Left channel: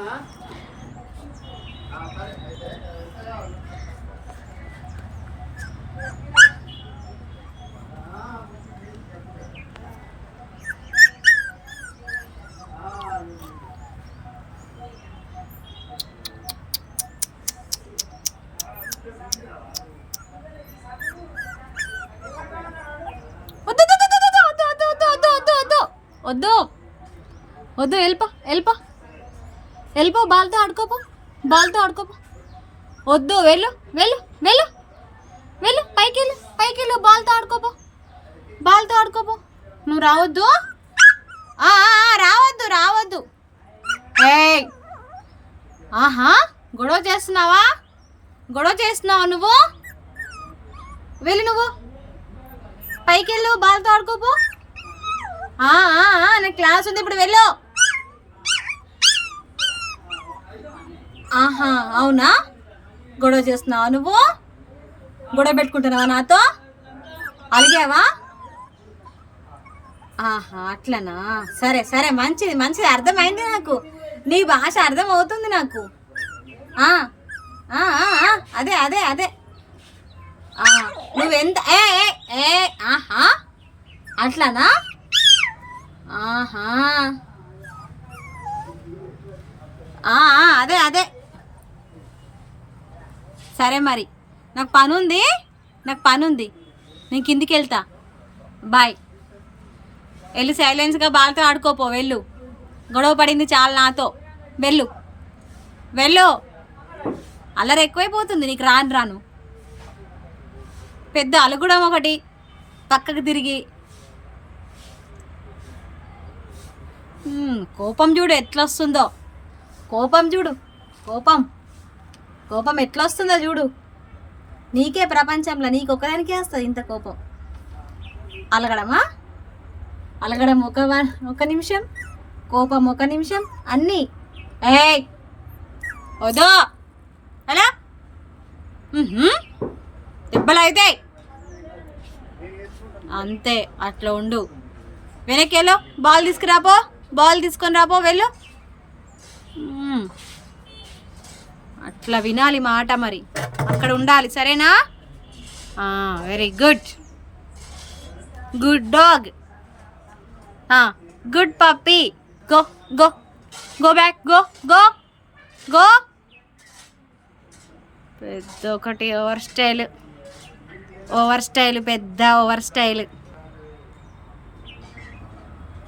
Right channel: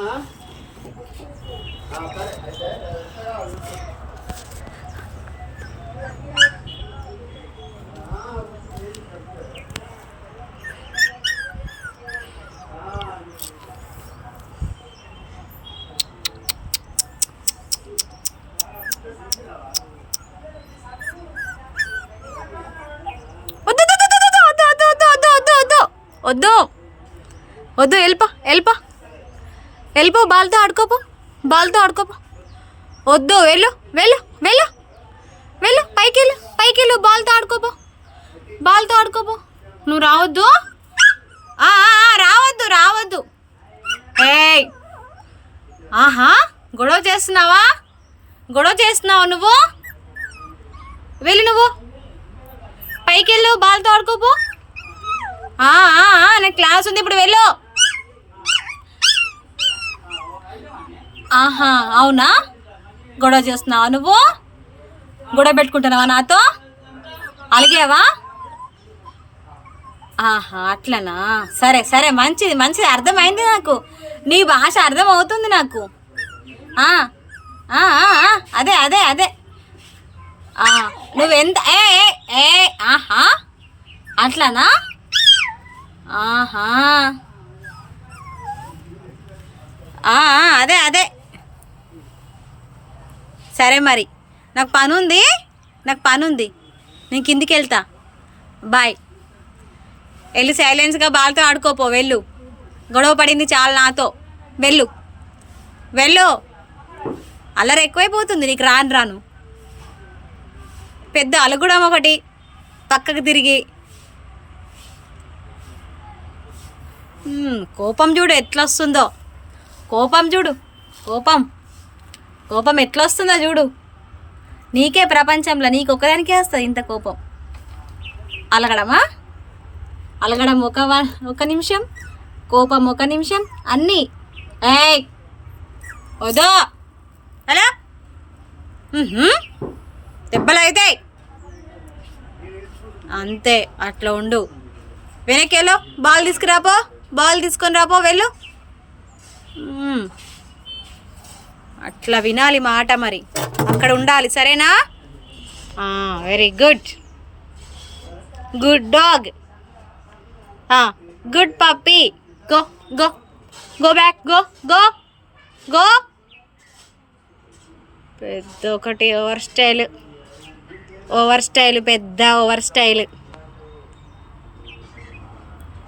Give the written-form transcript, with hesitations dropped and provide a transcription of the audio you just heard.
వద్దు వద్దు, వెళ్ళిపో వెళ్ళిపో వెళ్ళిపో, బాల్తో ఆడుకోపో, బాల్తో ఆడుకోపో. వద్దు, వెళ్ళు వెళ్ళు వెళ్ళు వెళ్ళు, పైకి వెళ్ళు పైకి వెళ్ళు, బాల్తో ఆడుకోపో, బాల్తో ఆడుకోపో. నువ్వు రావద్దు, రావద్దు రావద్దు. ఏయ్, ఆహా, గొడవ చేస్తున్నావా? గొడవ చేస్తున్నావు నువ్వు? వెళ్ళు, నువ్వు పైకి వెళ్ళు, బాల్తో ఆడుకోపో. నాకు క్లాస్ ఉంది, ఇప్పుడు వెళ్ళు. ఆహా, అవునా? గొడవ చేస్తున్నావా నువ్వు? గొడవ పెట్టుకుంటున్నావా నాతో? అలిగావా? ఆహా, అట్లనా? సరే సరే, మంచిది మంచిది, అర్థమైంది నాకు, నీ భాష అర్థమవుతుంది నాకు. అదే అదే అదే, నువ్వెంత ఏ ఏ ఆహా, అట్లనా? ఆహా, అదే అదే, సరే మరి, నాకు పని ఉంది, నాకు పని ఉంది, నేను కిందికి వెళ్తా. బాయ్. వెళ్ళి సైలెన్స్గా బాల్తో ఆడుకోపో, వెళ్ళు. గొడవ పడింది చాలా నాతో, వెళ్ళు వెళ్ళు. అల్లరి ఎక్కువైపోతుంది నీకు, రాను రాను పెద్ద అలుగుడం ఒకటి, పక్కకు తిరిగి. కోపం చూడు ఎట్లా వస్తుందో, కోపం చూడు, కోపం కోపం ఎట్లా వస్తుందో చూడు. నీకే ప్రపంచంలో నీకు ఒక్కదానికే వస్తుంది ఇంత కోపం. అలగడమా? అలగడం ఒక నిమిషం, కోపం ఒక నిమిషం, అన్నీ. ఏయ్, వదో అలా దెబ్బలు అవుతాయి అంతే, అట్లా ఉండు. వెనక్కేలో, బాల్ తీసుకురాపో, బాల్ తీసుకొని రాపో, వెళ్ళు. అట్లా వినాలి మాట, మరి అక్కడ ఉండాలి, సరేనా? Very good, good dog, good puppy. Go go go back, go go go. పెద్ద ఒకటి ఓవర్ స్టైల్, పెద్ద ఓవర్ స్టైల్.